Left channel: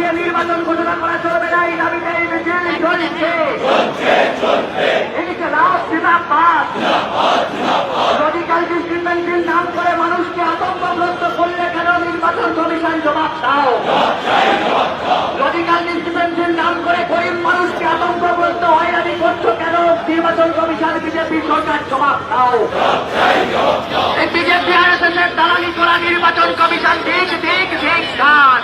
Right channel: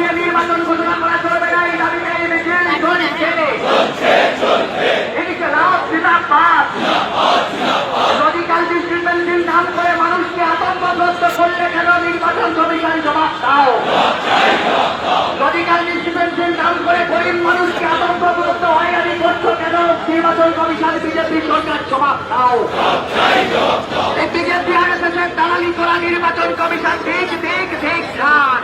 দিয়ে নির্বাচন ঘোষণা করা চলবে না, এই দাবিতে এই মিছিল চলছে। এদিকে লাভ জিন্দাবাদ। রডিক্যাল ডিসক্রিমিনেশন নাম করে মানুষকে আতঙ্কগ্রস্ত করলে কেন নির্বাচন কমিশন জবাব দাও। রডিক্যাল ডিসক্রিমিনেশন নাম করে গরিব মানুষকে আতঙ্কগ্রস্ত হয়রানি করছো কেন, নির্বাচন কমিশন বিজেপি সরকার জবাব দাও। এই বিজেপি আরএসএস এর দালালি করা নির্বাচন কমিশন ঠিক ঠিক ঠিক কাজ।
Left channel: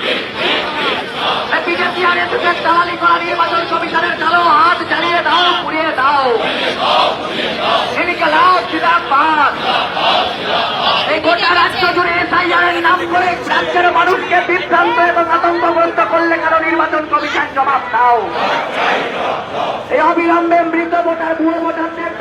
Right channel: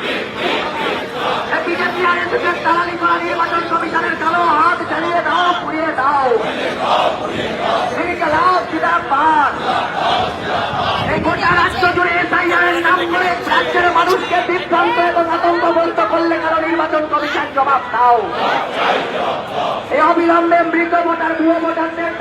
এই বিজেপি আরএসএস এর দালালি করা নির্বাচন কমিশনের কালো হাত জ্বালিয়ে দাও, পুড়িয়ে দাও। এদিকে লাভ জিন্দাবাদ। এই গোটা রাজ্য জুড়ে এসআইআরের নাম করে রাজ্যের মানুষকে বিভ্রান্ত এবং আতঙ্কগ্রস্ত করলে কেন নির্বাচন কমিশন জবাব দাও। এই অবিলম্বে মৃত ভোটার ভুয়ো ভোটারদের